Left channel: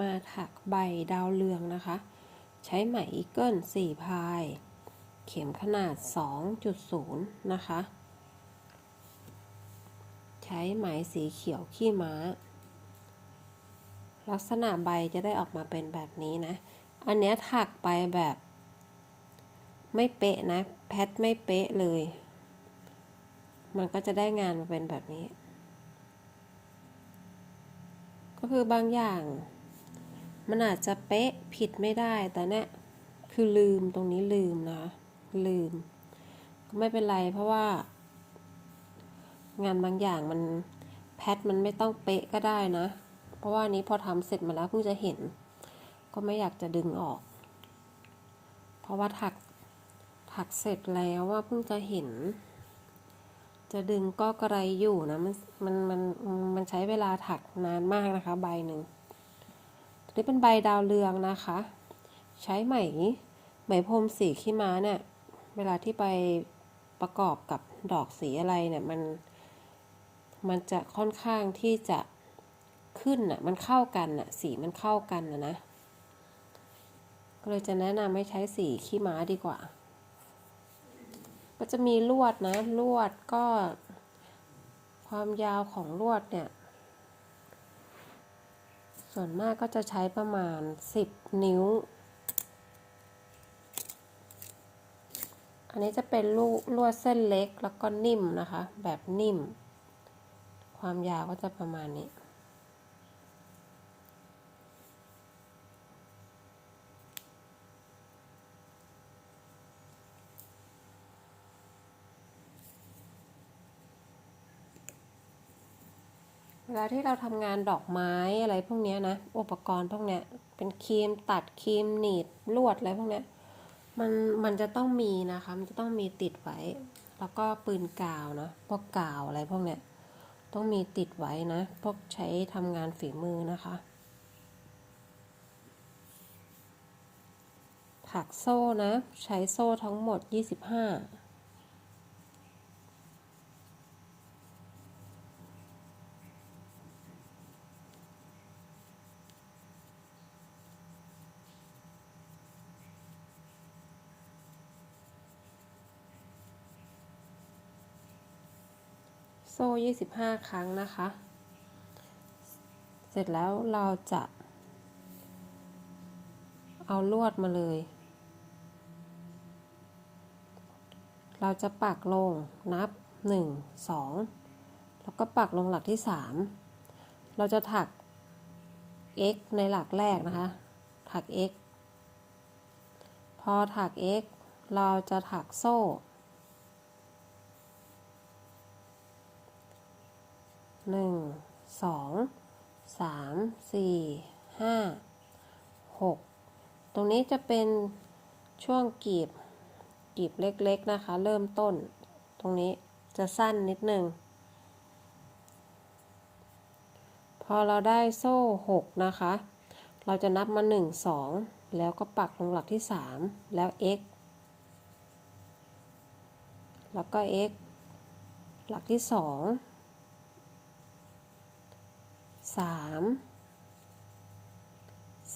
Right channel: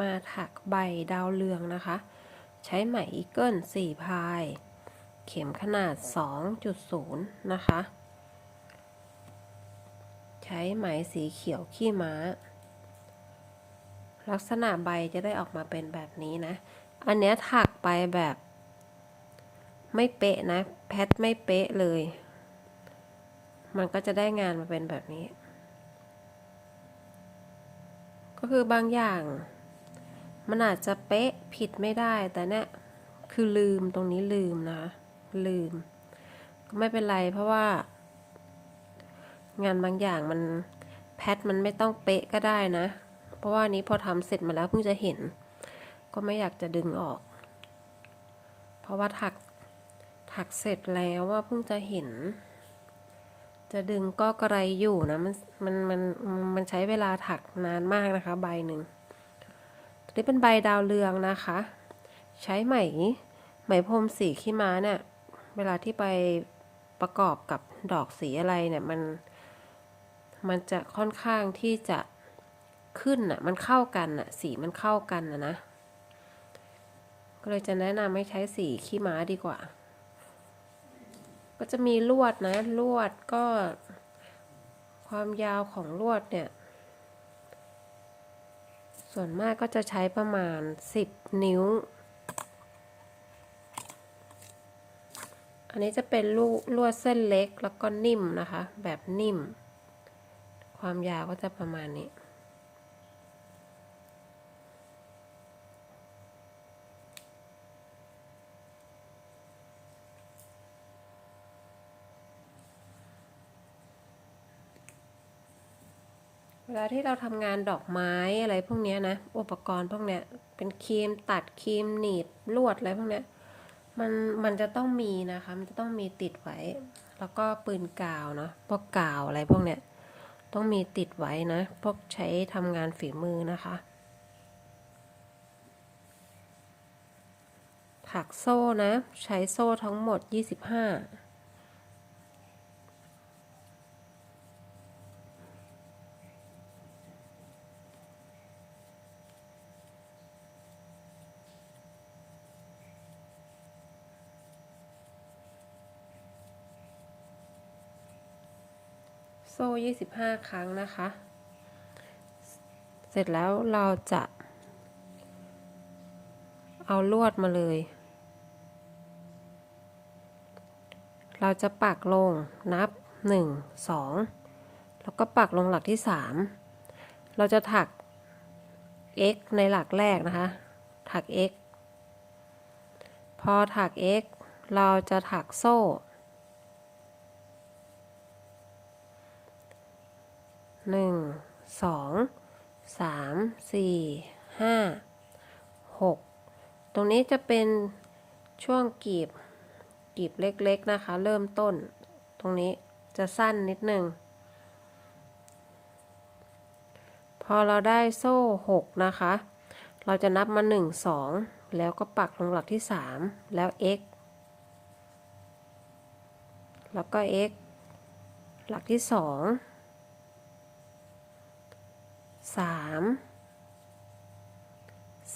มาถักใบดาวเรืองนะคะ ใช้ไหมอีเกิล4พาย เข็มขนาด 2.0 นะคะ ใช้ไหมสีเขียวขี้ม้า ลักษณะใบจะได้ออกมาเป็นแบบนี้นะ อันเนี้ยถักไปแบบไม่เป๊ะนะ แพทไม่เป๊ะเลย มันก็จะได้งานมาเป็นแบบนี้ ก็คือบางอย่าง มันอาจจะเป๊ะผิดไม่ได้แต่เนี่ยคือลืมตรงนี้ลืมนะ ลืม ก็ไม่เป็นไรเพราะว่า งานบางอย่างมันแพทมันไม่ต้องเป๊ะก็ได้นะ เพราะว่านี้พอทำเสร็จมาแล้วเพิ่งจะเห็น ก็ไม่อยากจะดึงออก เพราะว่าถักถักเสร็จแล้วว่าเพิ่งจะเห็น จะดึงก็กระไรอยู่นะมันมันมันมันใช้เวลาถักนานมากนะคะ ใบหนึ่ง นี้เป็นใบดาวเรืองนะคะ ใช้ไหมไหมพรมสีขี้ม้าเนี่ย เวลาที่ไปประกอบกับดอกสีอะไรเนี่ยมัน มันจะค่อนข้างที่จะขึ้นอะ มันเข้ากันอะ สีมันเข้ากันนะนะ ก็เลยจะแนะนำให้ใช้สีขี้ม้าดีกว่า ก็จะมีลวดนะ ลวดก็ ความยาวของลวดเนี่ย ส่วนมากก็จะใช้ประมาณ 10 นิ้ว อันนี้จะเป็นลูลวดเส้นเล็กแล้วก็นิ่มนะคะ แบบนิ่ม ความยาวก็จะประมาณนี้ วลาที่เราทำงานดอกไม้อะไรพวกนี้นะ อุปกรณ์พวกเนี้ย เป็นครีมตัดครีมหนีบลวดอะไรพวกเนี้ย มันมันจะต้องมีนะคะ มันจะต้องมีติดไว้ แล้วก็ปืนกาวเนาะ พวกกาวอะไรพวกเนี้ย ต้องมีติดไว้นะ พวกใช้ทำงานฝีมือนะคะ ถักโซ่นะ ใช้โซ่ทั้งหมด 25 โซ่25ครั้งนะคะ เสร็จแล้วเราจะ เอาลวดมาเลย เราจะปักลงนับ1 2แล้วก็ปักลงหลักที่3เราจะถัก x ในหลักแรกนะคะ ถัก x พอถัก x เราจะถักโซ่ หนึ่งสองสามสี่ห้าหกตรงนี้จะเป็นช่วงกีบกีบเล็กๆนะคะ เริ่มต้น ตรงนี้จะสั้นนิดหนึ่งพอเราได้โซ่หกนะคะ เราจะนับมาหนึ่งสองแล้วก็ปักลงหลักที่สามแล้ว x แล้วก็ x หลักที่สอง สาม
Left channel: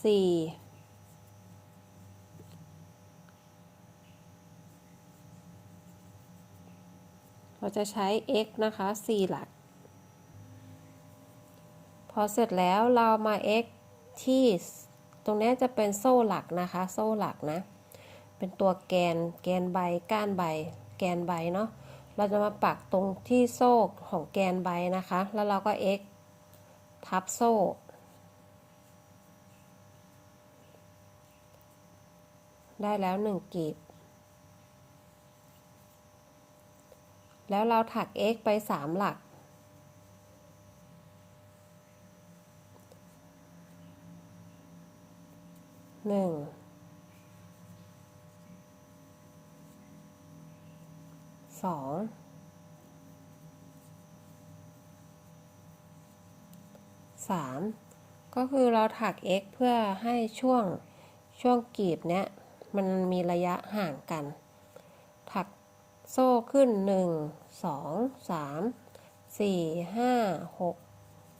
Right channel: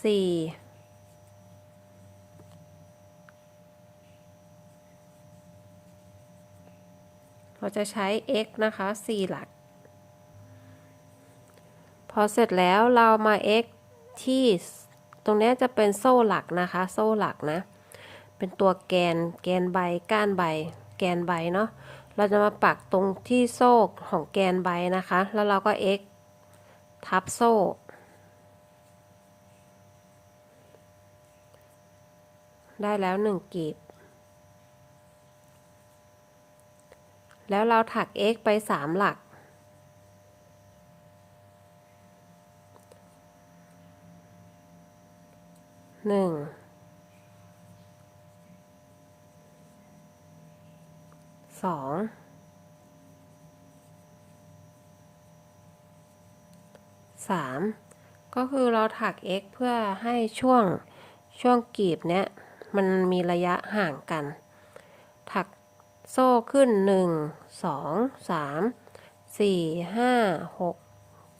สี่เราจะใช้ x นะคะสี่หลัก พอเสร็จแล้วเรามา x ที่ตรงนี้จะเป็นโซ่หลักนะคะ โซ่หลักนะ เป็นตัวแกน แกนใบ ก้านใบ แกนใบเนาะ เราจะมาปักตรงที่โซ่ของแกนใบนะคะ แล้วเราก็ x ทับโซ่ ได้แล้วหนึ่งกีบ แล้วเราถัก x ไปสามหลัก หนึ่ง สอง สามก็คือเราถัก x เพื่อให้ช่วงช่วงกีบเนี้ยมันมีระยะห่างกัน ถักโซ่ขึ้นหนึ่งสองสามสี่ห้าหก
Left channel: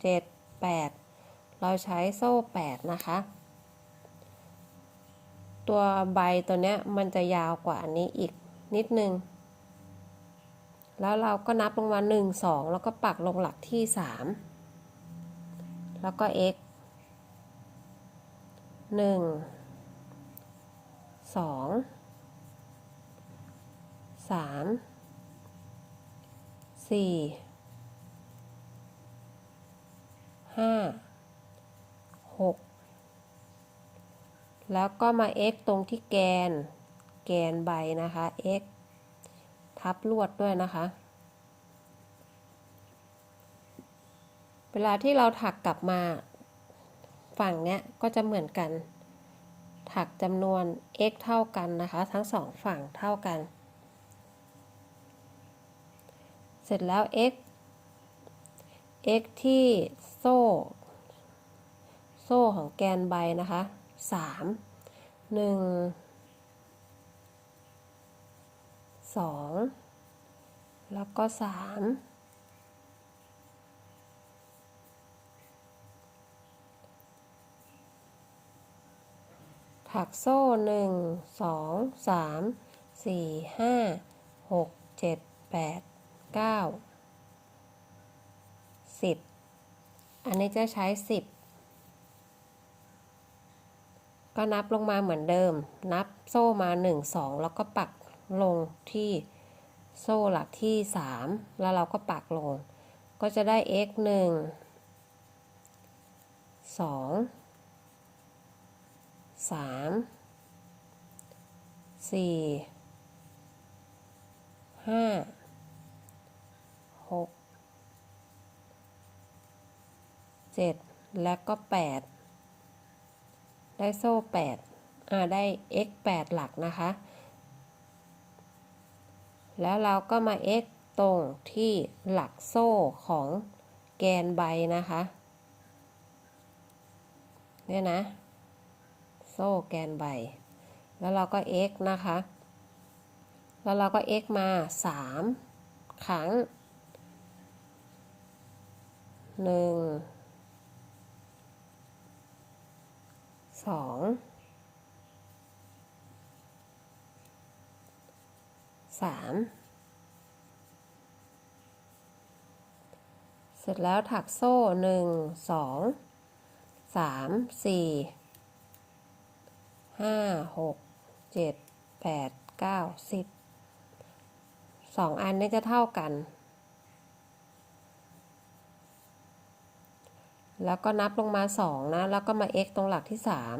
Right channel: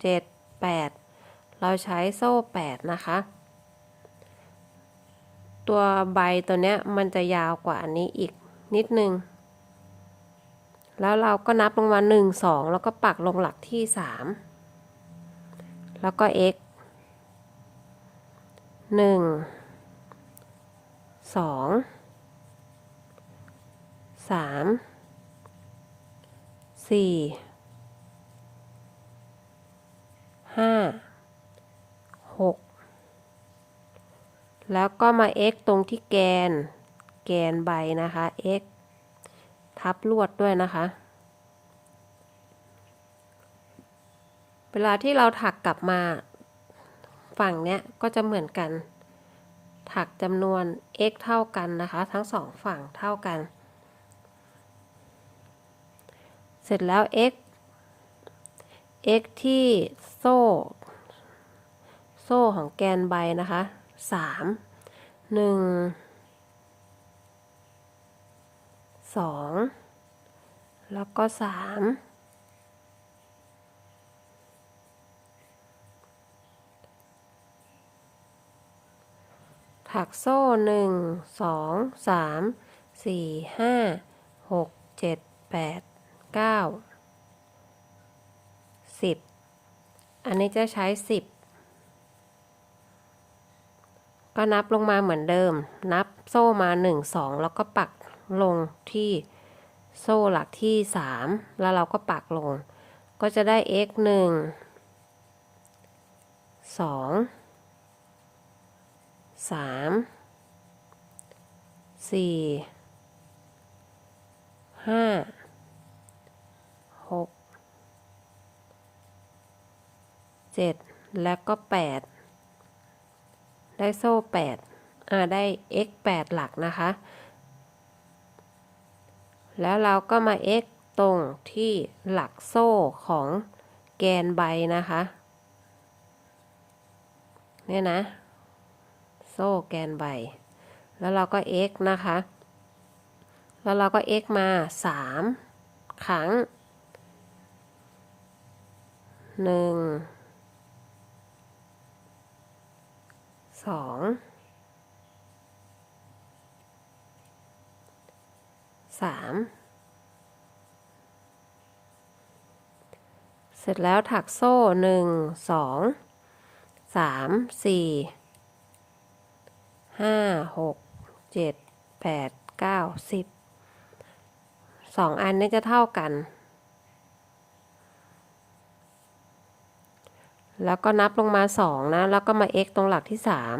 เจ็ดแปดเราใช้โซ่ 8 นะคะ ตัวใบตัวเนี้ยมันจะยาวกว่าอันนี้อีกนิดนึง แล้วเราก็นับลงมา 1 2 แล้วก็ปักลงหลักที่ 3 แล้วก็ x 1 2 3 4 5 6 แล้วก็มา x ตรงที่แกน แกนใบนะคะ x ทับลวดด้วยนะคะ เวลาที่เราถักกลับมาฝั่งเนี้ยก็จะเหมือนกัน ถักจำนวน x เท่ากันนะคะ ทั้งสองฝั่งเท่ากัน เสร็จแล้ว x x ที่โซ่ โซ่ของแกนใบนะคะสามหนึ่งสองแล้วก็สาม ถักโซ่หนึ่งสองสามสี่ห้าหกเจ็ดแปดเก้าสิบอันนี้จะใช้สิบก็นับลงมาเหมือนเดิม นับโซ่มาหนึ่งสองแล้วก็ปักลงที่โซ่หลักที่สามแล้วเราก็ปักลง ก็จะได้ x หนึ่งสอง สามสี่ห้าหกเจ็ดแล้วก็แปดได้โซ่แปดอ่าได้ x แปดหลักนะคะ แล้วเราก็มา x ตรงที่หลักโซ่ของแกนใบนะคะ เนี่ยนะ โซ่แกนใบ แล้วเราก็ x นะคะ แล้วเราก็ x มาสามครั้งหนึ่งสองสามเสร็จแล้วถักโซ่หนึ่งสองสามสี่ ห้าหกเจ็ดแปดเก้าสิบสองอันนี้จะเท่ากัน แล้วก็นับลงมาสองนะ แล้วก็มา x ตรงหลักที่สาม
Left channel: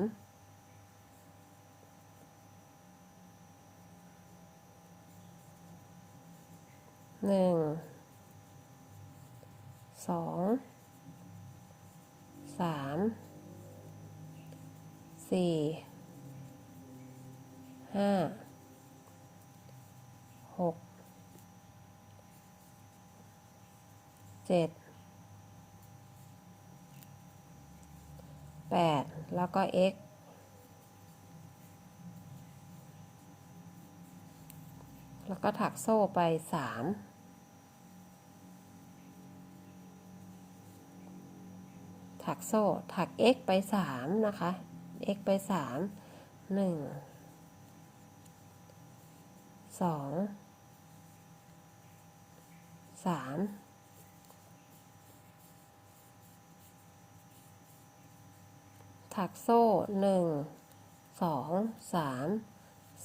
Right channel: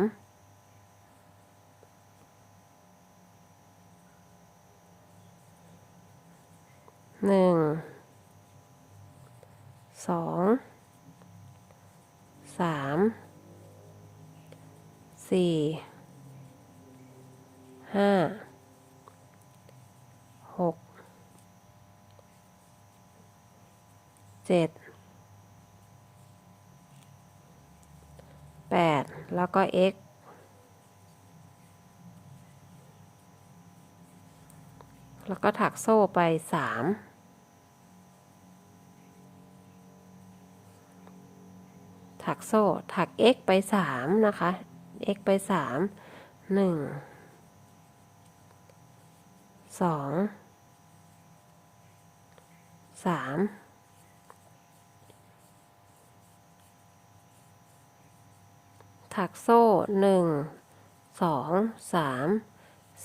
หนึ่งสองสามสี่ ห้าหกเจ็ดแปดแล้วก็ x แล้วก็ถักโซ่ไปสามถักโซ่ ถัก x ไปสามนะคะ x ไปสามหนึ่ง สองสามถักโซ่หนึ่งสองสาม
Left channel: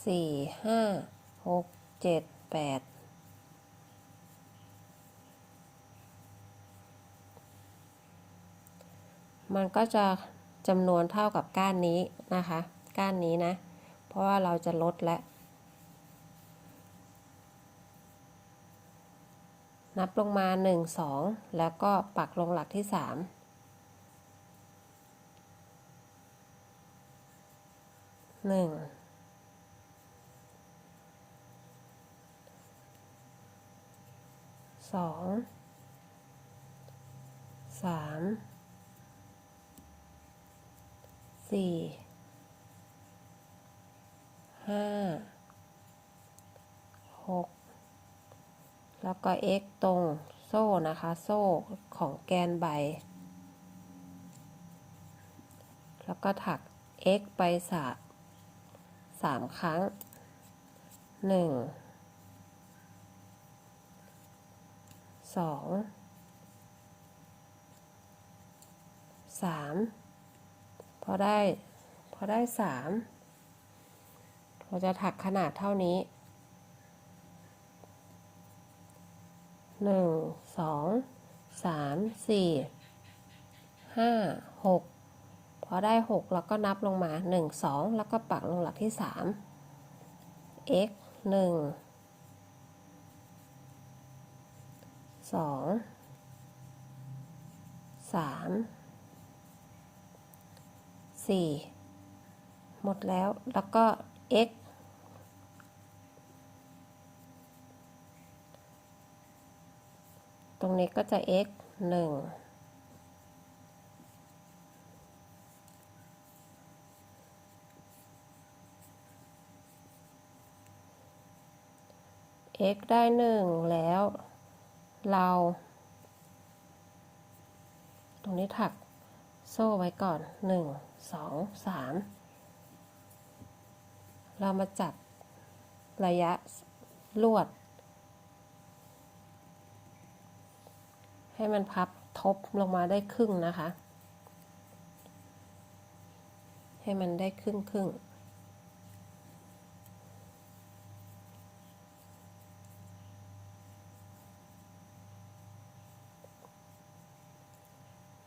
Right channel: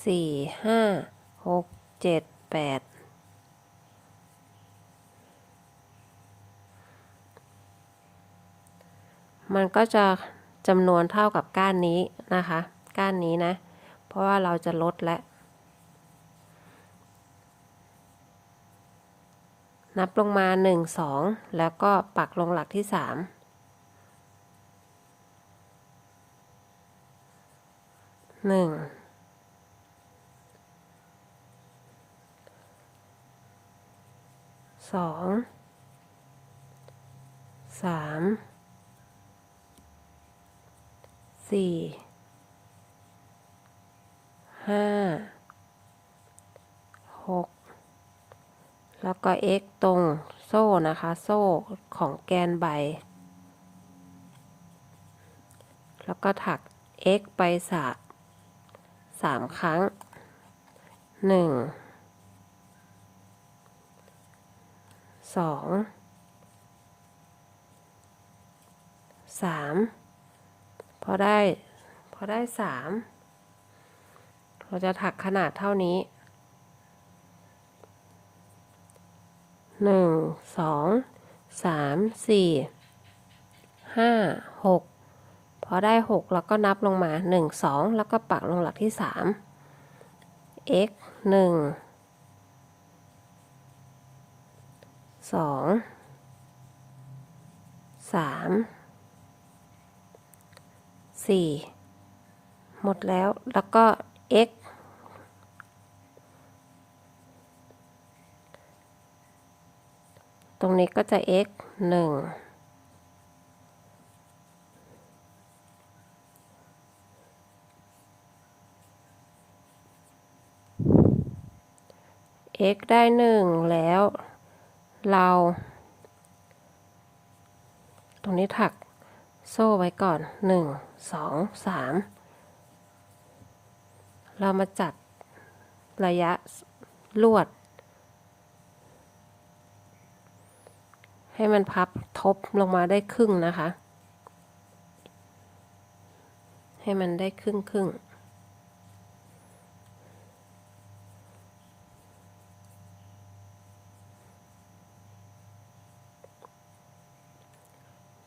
สี่ห้าหกเจ็ดแปดมันก็จะจำนวนเท่ากับก้านนี้นะคะ ก้านนี้นะ เพราะว่าเราจะลดและ นับลงมา 1 2 แล้วก็ปักลงหลักที่ 3 1 2 3สี่ห้าหก แล้วก็ x ตรงโซ่นะคะ โซ่ของแกนใบ แล้วก็ถัก x ไปสาสามครั้งหนึ่งสองสามพอได้ พอได้สามเราจะถักขนาดเท่านี้ หนึ่งสองสามสี่ห้าหกพอได้หกแล้วก็นับลงมาหนึ่งสองแล้วก็ปักลงหลักที่สาม x หนึ่งสองสามสี่หมดแล้วแล้วก็ x ตรงนี้ก็จะ x หนึ่ง x ได้หนึ่งแล้ว เรา ตรงนี้ถักโซ่ไว้ก่อนหนึ่งสองสามเรามาจัดระยะลวด ให้มันพับทบลงมาได้ครึ่งนะคะ ให้มันได้ครึ่งครึ่ง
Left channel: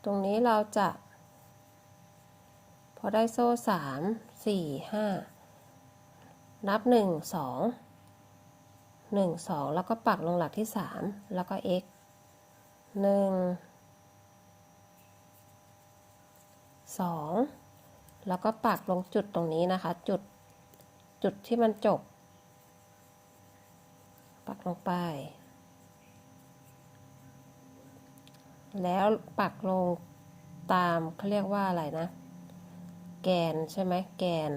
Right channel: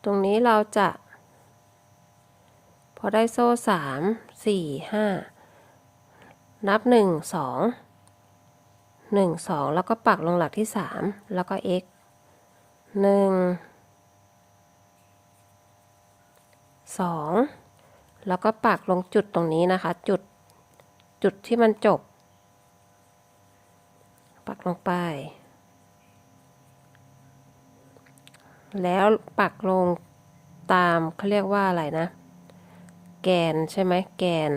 ตรงนี้เราจะ พอได้โซ่สามสี่ห้านับหนึ่งสองหนึ่งสองแล้วก็ปักลงหลักที่สามแล้วก็ x หนึ่งสองแล้วก็ปักลงจุดตรงนี้นะคะ จุดจุดที่มันจบ ปักลงไป แล้วปักลงตามเขาเรียกว่าอะไรนะ แกนใช่ไหมแกน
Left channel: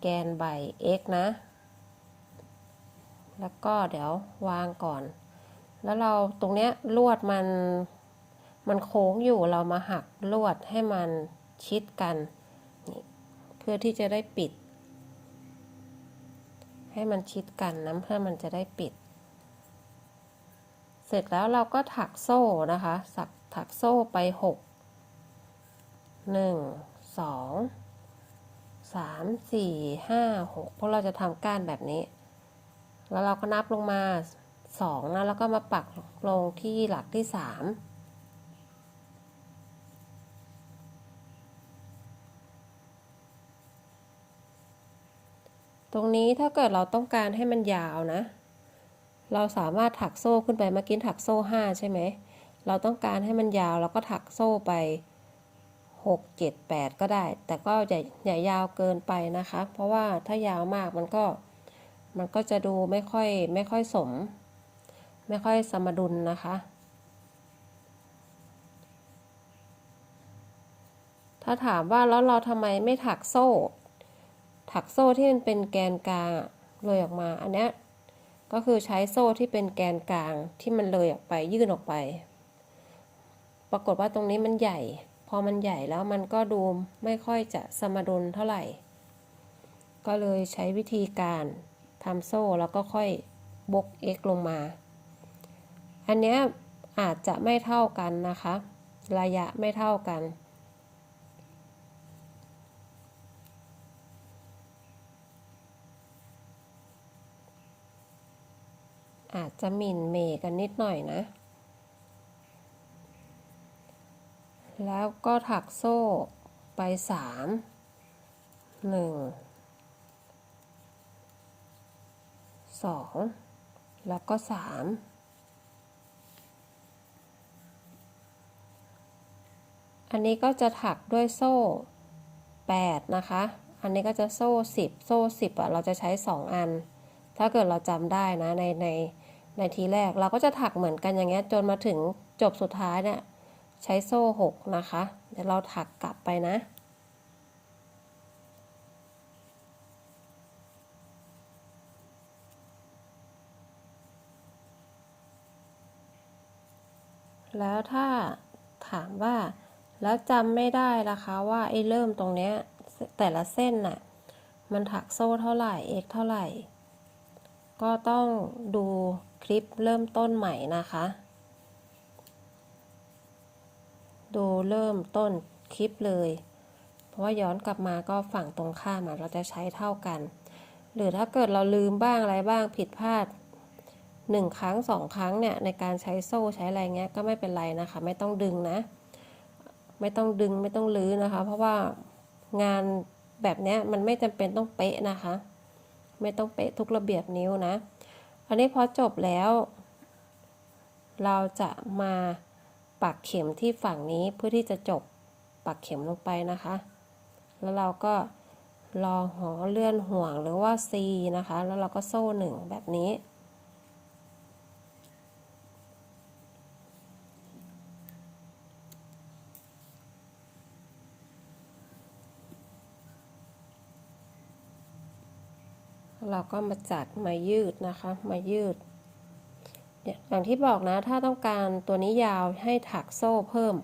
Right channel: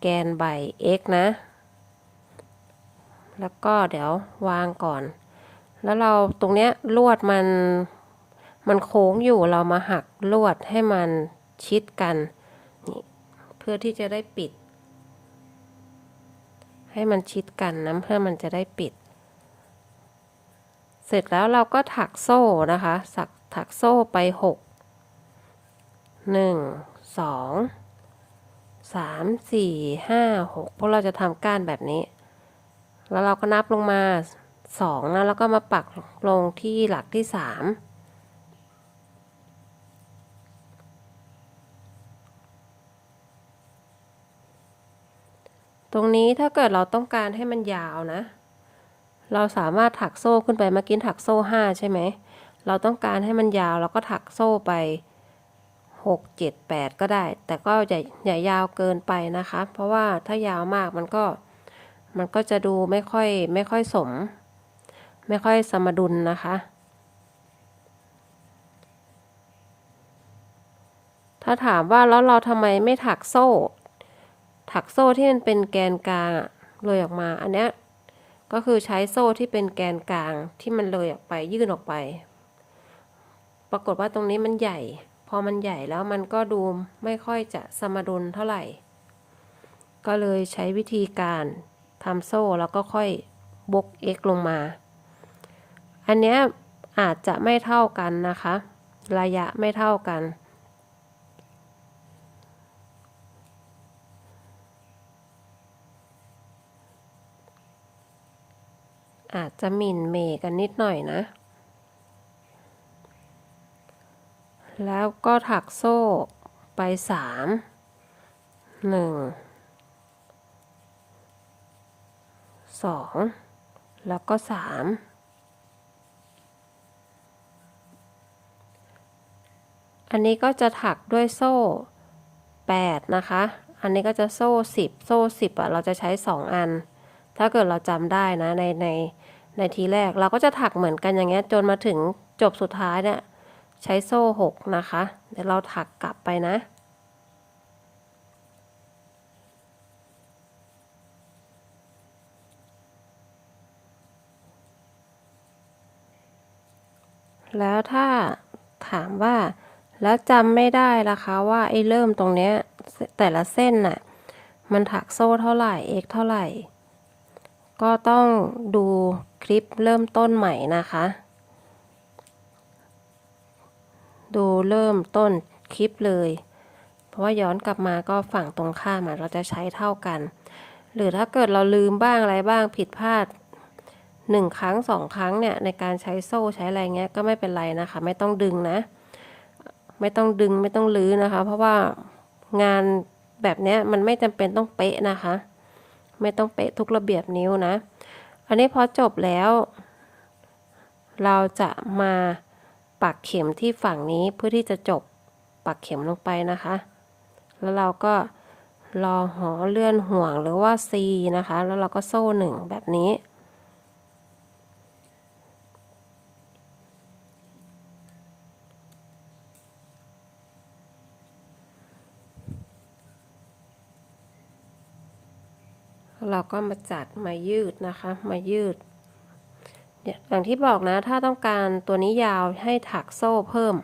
แกนใบ x นะ แล้วก็เดี๋ยววางก่อน แล้วเราตรงเนี้ยลวดมันมันโค้งอยู่เรามาหักลวดให้มันชิดกันนี่เพื่อที่จะได้ปิด ให้มันชิดกันนะเพื่อมันจะได้ปิด เสร็จแล้วเราก็ถักโซ่นะคะสักถักโซ่ไปหกหนึ่งสองสามสี่ห้าหกเพราะเราจะทำก้านแบบนี้ แล้วเราก็นับลงมา สองนะแล้วก็มาปักลงที่หลักที่สามตรงนี้ถ้าเกิดเราต้องการให้มันยาวนะ เราสามารถถักโซ่ขึ้นไปเมื่อกี้ถักโซ่ห้าใช่ไหม เราต้องการให้มันยาวเราก็ถักโซ่ไปหกเจ็ดแปดก็ได้ แต่ก็อย่าอย่ายาวเกินไปนะคะ เพราะว่าถ้ายาวมากมันก็มันก็จะดูไม่ค่อยไม่ค่อยสม ไม่ค่อยสมดุลนะคะ ถ้าถามว่าแล้วเราทำไมไม่ถักโซ่ ถักโซ่ที่มันเป็นแกนกลางเลยออกมา อันเนี้ยก็คือใช้โซ่ที่เป็นแกนกลางที่มันเลยออกไปยื่นออกไป ปรากฏว่าตรงนี้มันใหญ่ พอมันใหญ่แล้วมันก็ดูไม่ค่อยจะสมดุลเท่าไหร่ ก็เลยใช้วิธีการทำโซ่แล้วก็ค่อยบก x ลงมา อันเนี้ยอาจจะไม่เท่ากันนะคะ ระยะไม่เท่ากัน อาจจะหมิ่นเมกันนิดหน่อยนะ แล้วก็ถักโซ่ไปสามหนึ่งสองแล้วก็สาม อันนี้ก็จะถักด้วยโซ่แปดนะคะ อันนี้ก็จะโซ่สิบโซ่สิบอะเราจะใช้สองอัน ถ้าเกิดเราจำได้นะในในในทีแรกเราก็จะถักเหมือนกันอย่างเงี้ยจนมาถึงจบสุดท้ายเนี่ยใช้โซ่หกนะคะ เดี๋ยวเราถักกลับไปนะแล้วถ้าถามว่า แล้วจำไม่ได้ละคะว่าไอ้เริ่มตรงเนี้ยแต่ละเส้นน่ะ มันถักโซ่เท่าไหร่ x เท่าไหร่ ก็ต้องดูคลิปเริ่มต้นใหม่นะคะ ดูเริ่มต้นคลิปเลย เพราะว่าย้อนกลับมาก็ฝั่งตรงข้ามเราจะใช้เท่ากัน หรือถ้าเกิดเราลืมบ้างอะไรบ้างผิดพลาดหนึ่งครั้งสองครั้งเนี่ยในการใช้โซ่ใช้อะไรเงี้ยก็ไม่เป็นไรนะคะ ไม่ต้องดึงนะ ไม่ต้องดึงไม่ต้องลื้อนะคะ เพราะว่างานแบบนี้มันไม่จำเป็นต้องเป๊ะนะคะ ไม่ต้องเป๊ะทุกระเบียบนิ้วนะ อันนี้พอจบแล้ว เราจะมาปักเข็มที่ฝั่งนี้เพื่อที่จะจบปักเข็มลงไปนะคะ แล้วเราก็รอหอเลื่อนห่วงหรือว่า C นะคะ แล้วเราก็โซ่หนึ่งแบบนี้ เราก็มาจัดมายืดนะคะ มายืดเนี่ยอย่างที่บอกนะ ถ้าต้องการตัวนี้ยาวให้ถักโซ่เพิ่ม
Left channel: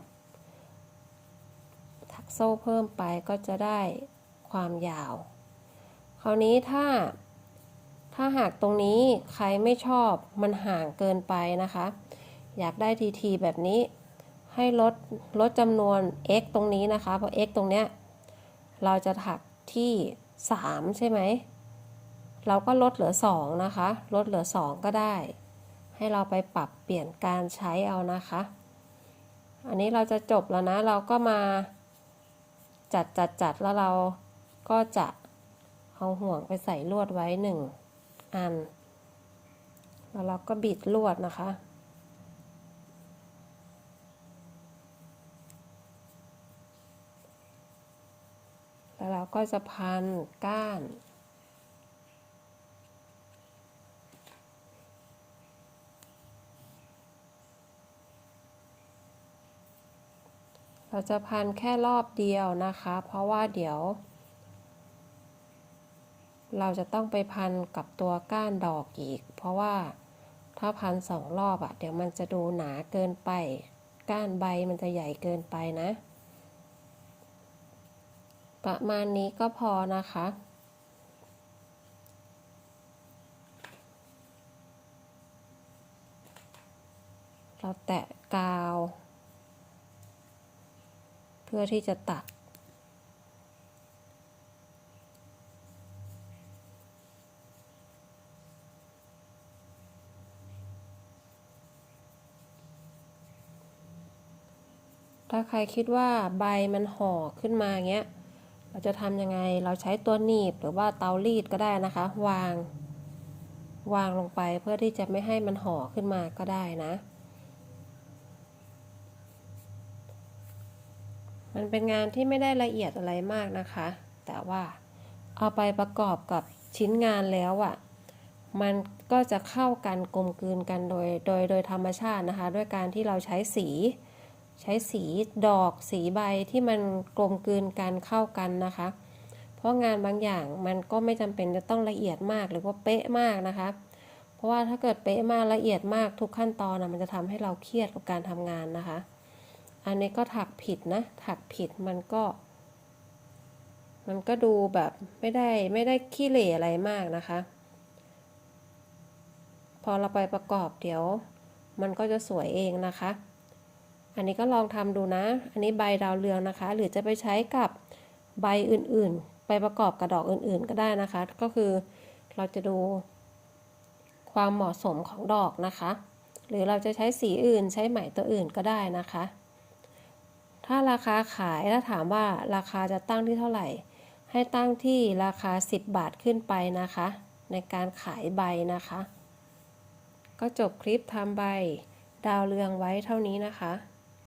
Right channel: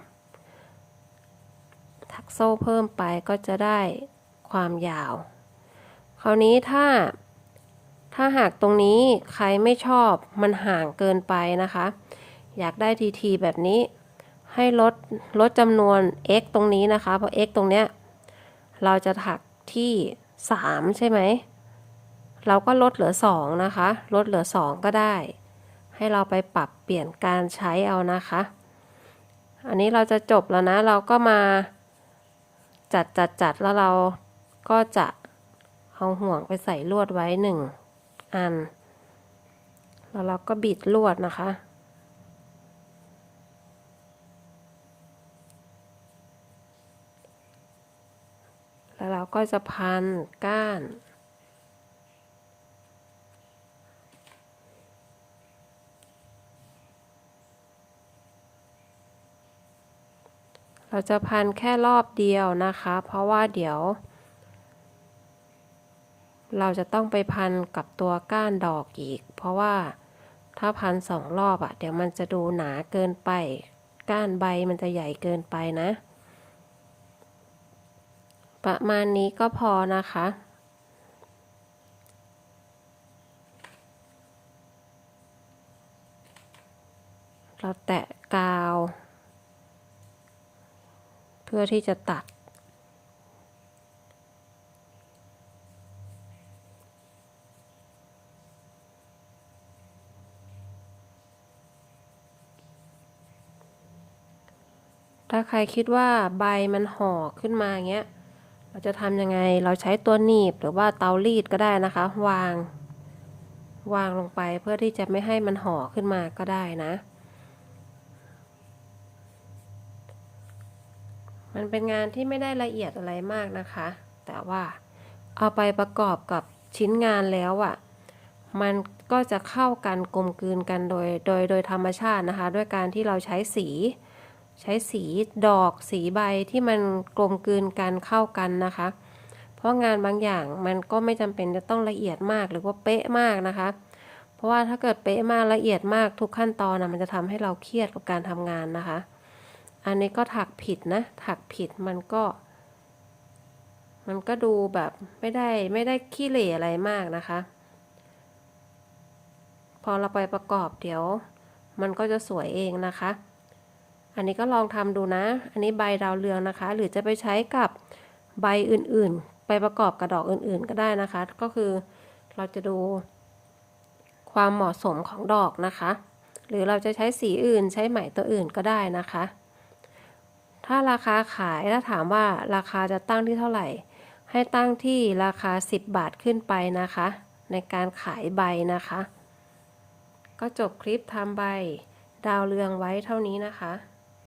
ถักโซ่เพิ่มไปก็จะได้ความยาว คราวนี้ถ้า ถ้าหากตรงนี้ใครไม่ชอบมันห่างเกินไปนะคะ อยากได้ทีทีแบบนี้ ให้ลดลดจำนวน x ตรงนี้นะคะ เพราะ x ตรงเนี้ย เราจะถักที่ 3 ใช่ไหม เราก็ลดเหลือ 2 นะคะ ลดเหลือ 2 ก็ได้ ให้เราไปปรับเปลี่ยนการใช้เอานะคะ อันนี้เราจะจบแล้วนะ เราก็มาจัดจัดจัดแล้วเราก็จะเอาห่วงไปใส่ลวดไว้หนึ่งอัน แล้วเราก็บิดลวดนะคะแล้วเราก็จะพันก้าน เราจะพันแค่รอบเดียวนะคะ เพราะว่าเดี๋ยว เราจะต้องไปพันกับตัวก้านดอกอีก เพราะว่าถ้าพันสองรอบอะ่ะ เดี๋ยวมันจะดูหนาเกินไป ก้านใบมันจะใหญ่เกินไปนะ ประมาณนี้ก็พอนะคะเราแตะกาว พื่อที่จะตัด ถ้าใครคิดว่าใบมันห่อขึ้นมาเงี้ย เราจะทำยังไง เราใช้ตัวหนีบหรือว่าเตารีดก็ได้นะคะ วาง วางลงไปเพื่อที่จะไม่ให้มันห่อขึ้นมาก็ได้นะ มันเป็นงานที่ไม่ได้ละเอียดอะไรมากนะคะ แต่ว่าเอาไปประกอบกับชิ้นงานแล้วอะ่ะ มันก็จะเข้ากันกลมกลืนกันโดยโดยโดยธรรมชาตินะคะ ด้วยการที่เราใช้สี ใช้สีดอกสีใบที่มันกลมกลืนกันเข้ากันนะคะ เพราะงานบางอย่างมันก็ไม่จำเป็นจะต้องละเอียดมากหรือว่าเป๊ะมากนะคะ เพราะว่าถ้าเกิดเป๊ะมากละเอียดมากทุกขั้นตอนนะมันจะทำให้เราเครียดกับการทำงานนะคะ อันนี้ก็ถักผิดนะ ถักผิดมันก็ มันก็ดูแบบไม่ได้ไม่ได้ขี้เหร่อะไรมากนะคะ พอเราไปประกอบเดี๋ยว มันก็จะสวยเองนะคะ อันนี้ก็ลองทำดูนะ อันนี้ใบดาวเรืองนะคะ หรือจะไปใช้กับใบอื่นๆ ไปประกอบกับดอกอื่นๆก็ได้นะคะ ก็คือเราจะดูความเหมาะสมของดอกนะคะ หรือเราจะใช้สีอื่นใช้ไหมตัวอื่นก็ได้นะคะ ถ้าราคาขายถ้าถามว่าราคาจะตั้งที่เท่าไหร่ ให้ตั้งที่ราคา 10 บาทขึ้นไปนะคะ ในการขายใบนะคะ ก็จบคลิปทำใบดาวเรืองไว้เท่านี้นะคะ